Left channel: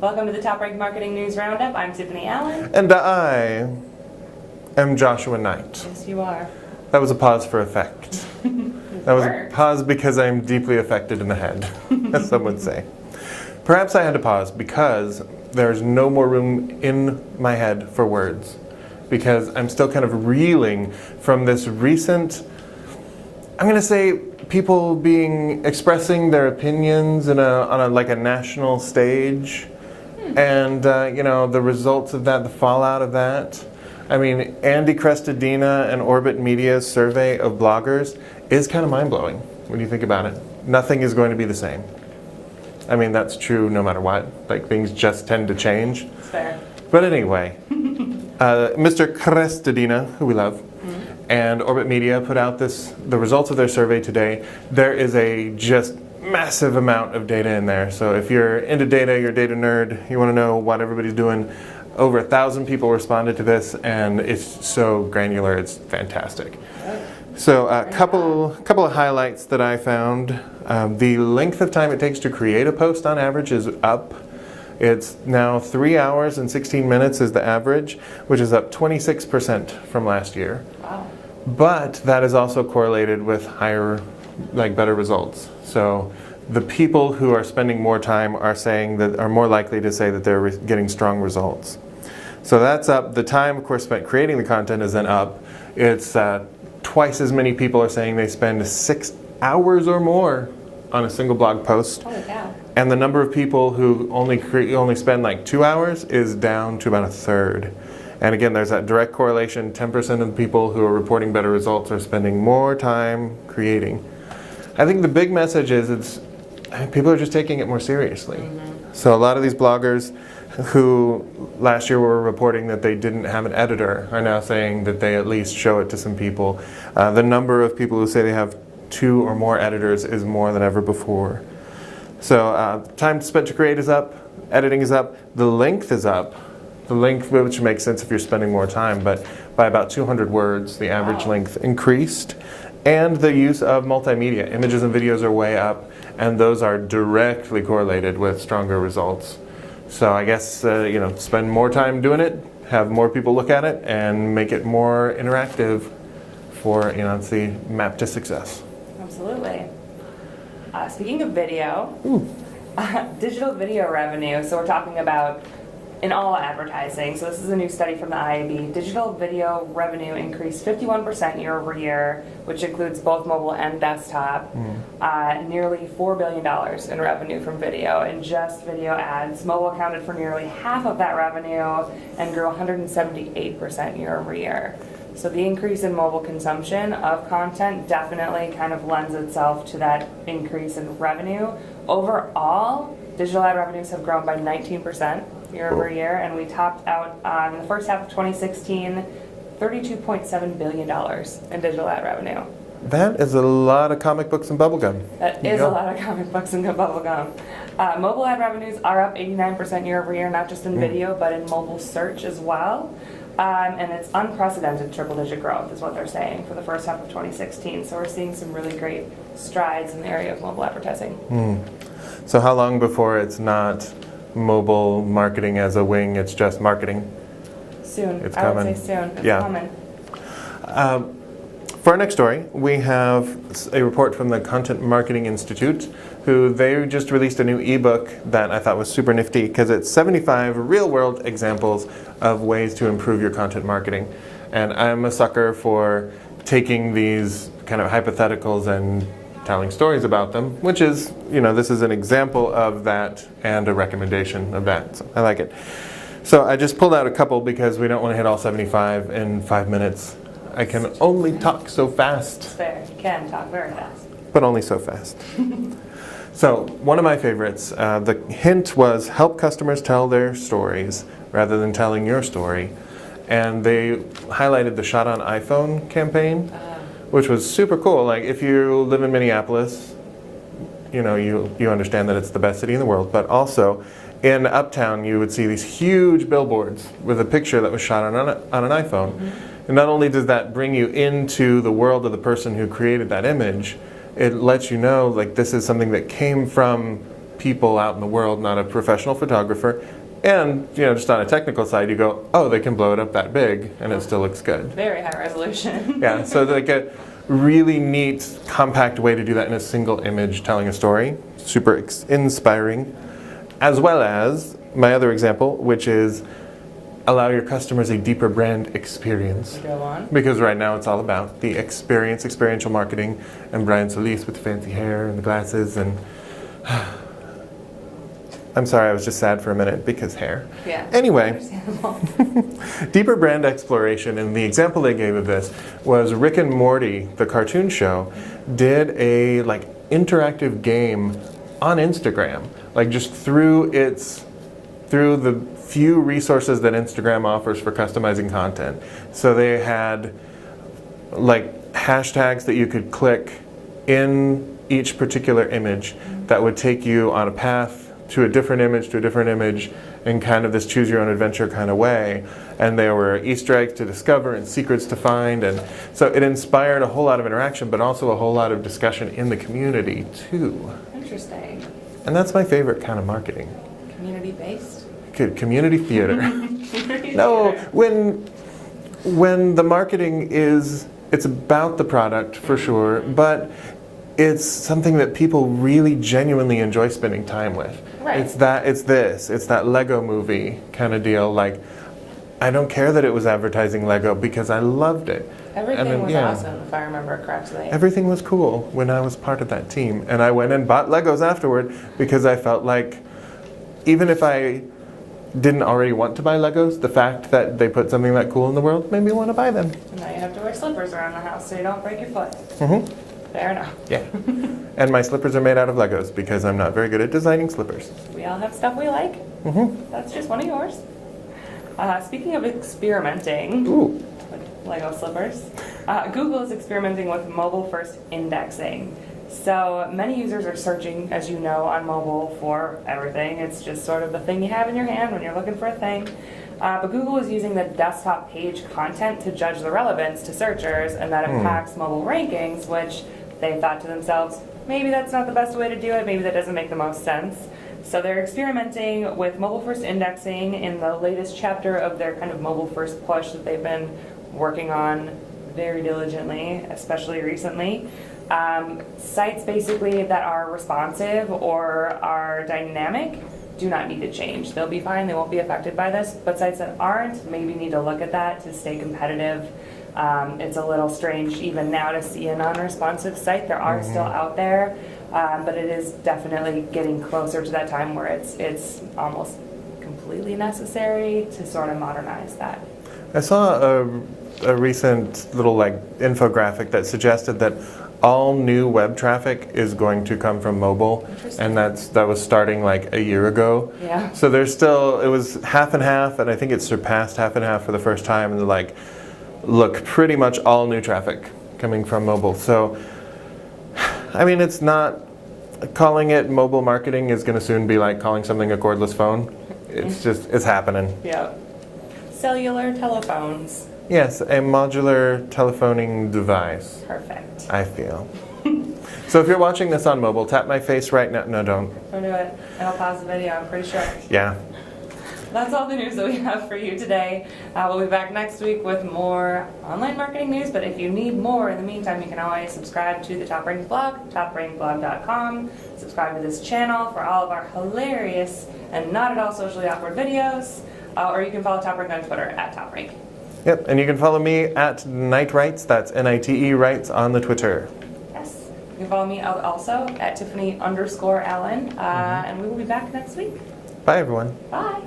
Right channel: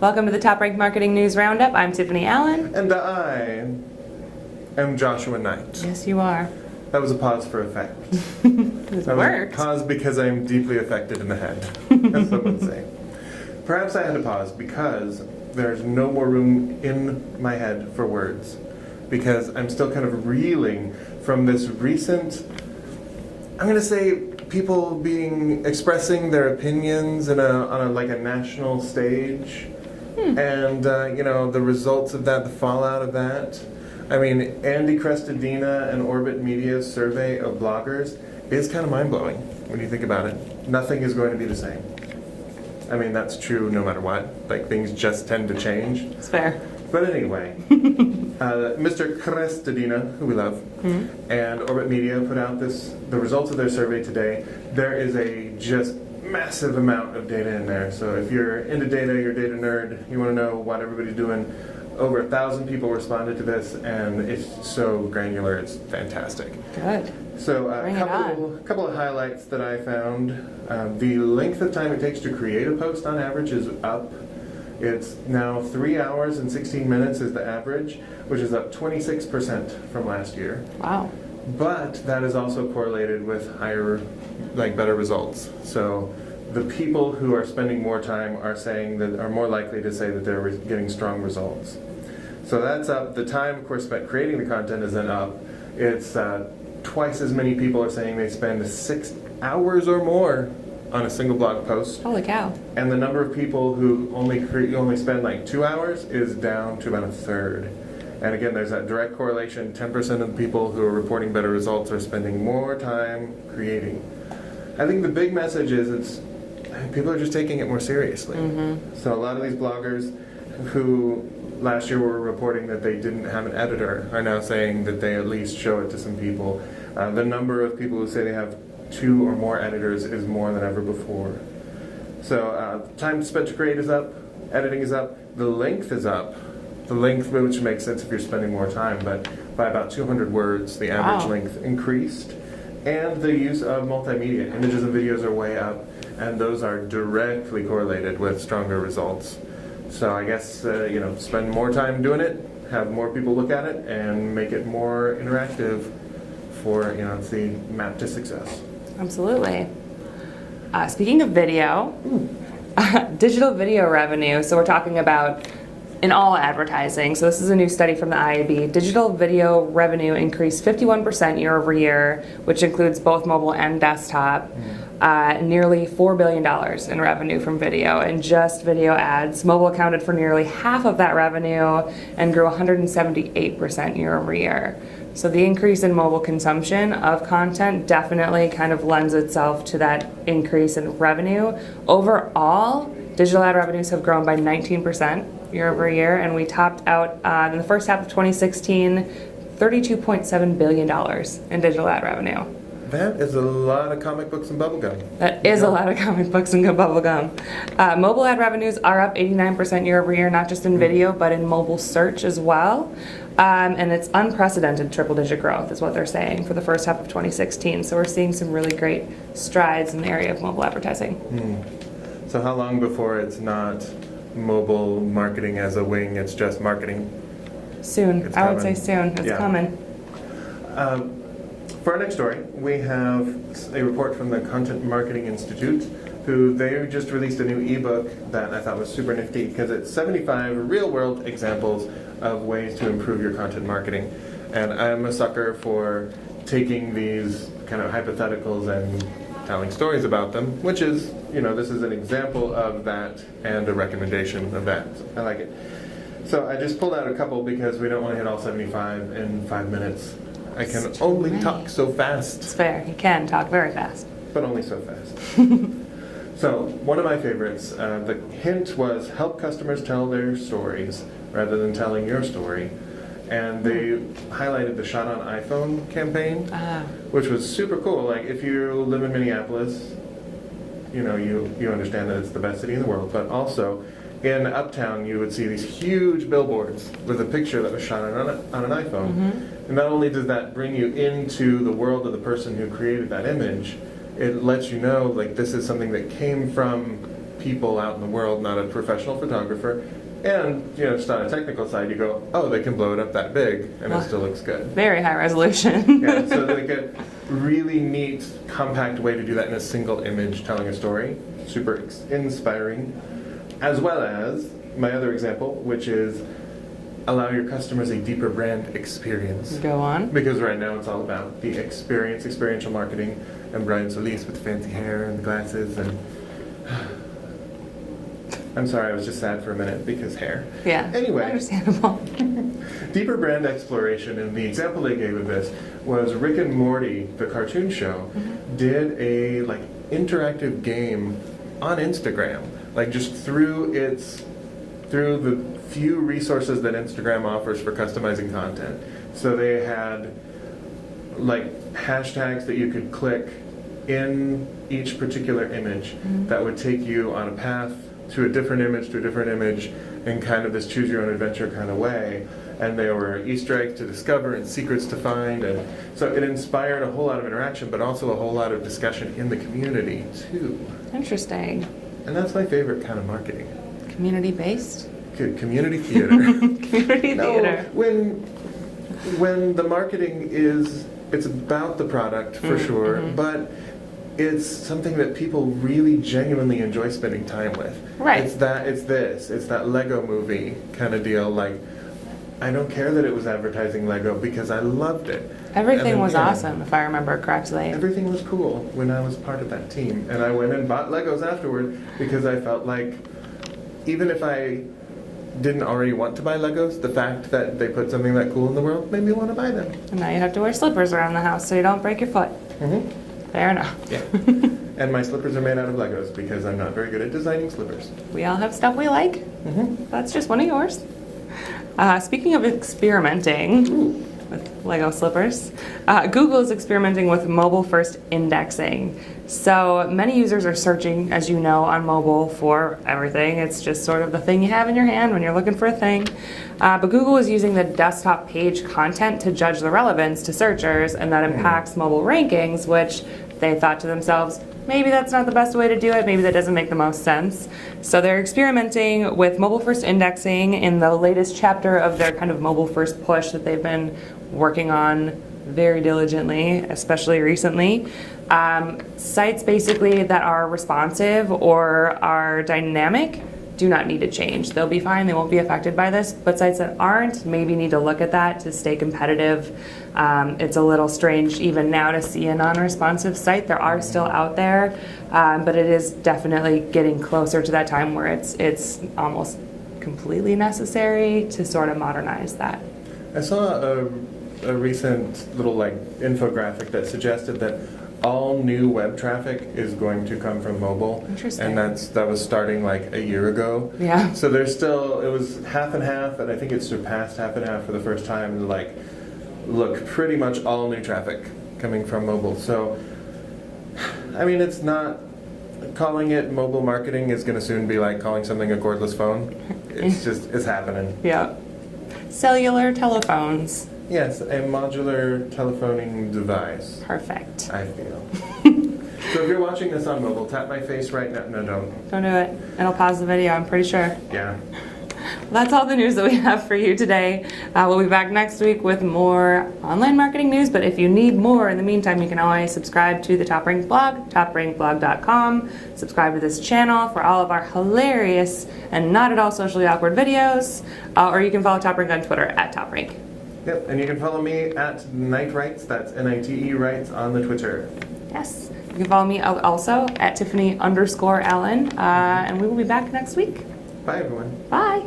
Welcome to the TopRank Marketing News Roundup. I'm Tiffani Allen. And I am Joshua Nite. Yes, you are. That was a pause for effect. That was a pause because I am deeply affected in the head, as some would say. Perhaps I had to pause because there's no more room in my head for words. Because I'm still kind of reeling from this recent, I'm going to say, people expressing their opinions on a national stage. And, the results of that, the fallout of that. I mean, Andy Crestodina and Orbit Media's survey of bloggers is kind of mind-blowing when you think about it. Nothing is going to be the same. I mean, that's true no matter what. Like, things just tend to change. It's fair. But anyway, Mr. Crestodina, who we love, and Orbit Media put out the results of their survey today. There is a just massive amount of data in there. So if you're into data, you're a data nerd, you want to know what everybody's doing, over 1,000 people responded to this, and it's so granular, it's fantastic. Good. So a couple of highlights that I found. The length of time it takes to create a post on average is up. It's now 3 hours and 16 minutes is the average, which is up 26% from last year. Wow. But that is also correlated with better results. So the people who are spending more time are more likely to say that they're getting strong results. So that's up. The time, of course, spent creating the content is then up. It's twice as many people are saying they spend 6 hours or more on a single blog post. Holy cow. And the number of people who only spend like 2 hours is down to about a third. And again, there's that direct correlation. 10% of the people who are reporting better results are spending more time creating. I think the big message is people are just taking it more seriously. So a lot of these bloggers who last year were reporting that they didn't have an editor are now saying that they at least show it to some people. The number of people who say they have 2 or more editors is more than ever before. So time spent to create is up, editing is up, the length is up. The length, which makes sense if you're spending more time, but by about 200 words, the average length increased. And the use of multimedia, images and videos are way up, and those are directly correlated with stronger results. So I guess, spend more time doing it, have more people look at it, and make it more interactive for, it's the map to success. Absolutely. Speaking of video, digital video revenue, so we're talking about in all advertising. So this is a new study from the IAB. Digital video revenue increased 51% year over year, which includes both mobile and desktop. Nearly $4 billion in revenue from video, and just video ads. Mobile accounted for nearly half of that revenue and grew 178% year over year. So the increase in mobile consumption of content definitely kind of lends itself to that increase in revenue. Overall, digital ad revenues have grown by 19% year over year, and we topped out in the first half of 2016, $32.7 billion in digital ad revenue. That is a lot of comic books and bubblegum. That is a lot of comic books and bubblegum. Mobile ad revenues are up 89% year over year, not just in video, but in mobile search as well. And it's unprecedented triple-digit growth is what they're saying for the first half of 2016. So we're seeing some really great strides in the area of mobile advertising. So how long before it's not mobile marketing as a wing, it's just marketing? Soon. I would say soon. It's coming. For our next story, we have a report from the Content Marketing Institute, who they just released a new ebook that I thought was super nifty because it's 75 real-world examples of ways to improve your content marketing. And I'm a sucker for taking these kind of hypotheticals and telling stories about them, which is, this is an example of that and a recommendation of that. So I like it. So I just pulled out a couple because we don't want to hit all 75 in 5 minutes. I can only talk so fast. It's fair. You can talk very fast. But only so fast. So one of my favorites, the hint was help customers tell their stories rather than telling your story. And they highlighted the Shot on iPhone campaign, which was super cool. Like, if you live in Minneapolis, you understand that it's the best city in the world. But also, in Uptown, you would see these huge billboards with a picture that was shot on an iPhone. And not only does that bring you into the world of the person who created that image, it lets you know, like, this is something that came from people out in the world, not a professional photographer. And, just on a technical side, you go, oh, they can blow it up that big, and it still looks good. Very high resolution. Yeah, so like a really neat, compact way to do that in a single image telling a story. Super inspiring. As well as my other example, which is allow your customers a deeper brand experience. Go on. Because right now it's all about the experience, experiential marketing, and Brian Solis with the fancy hair and the glasses and... I'm sorry, I was just sad for a minute because hair. Yeah. Anyway. Understandable. Deeper brand exploration, and the example they gave of this was Rick and Morty, the cartoon show, did a interactive game on Instagram, just through the few resources that Instagram offers for customizing content. So they had hashtags that you could click in each particular image that would take you on a path to a different image in kind of this choose your own adventure kind of way. And there were Easter eggs to discover and secrets to find. And so it inspired a whole lot of interaction, but also a whole lot of discussion in the community too. Interesting. And that's my favorite kind of marketing. Community-based? Community theater. Community No, theater. when the marketing it's about the product for sure, but it's something that people really genuinely enjoy spending time with. Right. It's that Lego movie kind of deal. I don't care that it was advertising Lego because I loved it. Everything was awesome, if I remember correctly. Everything was cool when I was part of that team. And I went and bought Legos afterward because I felt like even if I didn't already want to buy Legos, the fact that they put something that cool in the world made me want to buy them. And now you have to wear slippers around the house so you don't break your foot. Mm-hmm. Fair enough. Yeah. And my slippers are made out of Legos because I'm not very good at designing slippers. We all have stuff we like. Mm-hmm. That's just one of yours. Speaking of experimenting with Lego slippers, Google is experimenting with mobile-first indexing. So many users are searching, as you know, on mobile for everything. It's just sort of the thing you have in your hand when you're looking for a thing. But Google is using the desktop page content to judge the relevance to searchers, and that impacts mobile rankings, which they thought to themselves, maybe that's not the best way to do it, maybe that doesn't make the most sense. So they're experimenting with mobile-first indexing in the latest chapter of their kind of mobile-first push that they've been working on very diligently, especially recently. Sites basically that are responsive or are dynamic do not need to change. They'll be fine, they won't be affected by this, but sites that aren't maybe need to look at that to stay competitive. It's a little strange even now to see a non-responsive site. There are still out there, but it is definitely getting closer to that time where it's almost completely necessary to sort of modernize that. I saw a recent little infographic that suggested that all new web traffic is going to come from mobile. Interesting. And that was starting a year ago. Yeah. So there's still, it was half and half, and I think it surpassed half and half for the first time. Look, pretty much all new traffic coming from mobile. So, I mean, it's not, calling it mobile marketing is going to soon be like calling something a cordless phone. It's happening. Yeah. Cellular telephones. Yes, a modular telephoning device. Perfect. I feel. So if you're watching this on mobile, tap my face right now. No, don't. Don't do it. It'll pause the video, I'm pretty sure. Yeah. That's all the news that we have for you today. We'll be back next week with more online marketing news, but if you need more in the meantime, you can always subscribe to the TopRank blog, toprankblog.com. Subscribe to this channel for all of our hilarious and not at all socially awkward videos, or you can follow TopRank on Twitter at TopRank. Yep, and you can follow me at Nite Writes, that's Nite Writes on the Twitter. Yes. You can follow me also at Tiffani_Allen, and we will be back next week. Bye, everyone. Bye.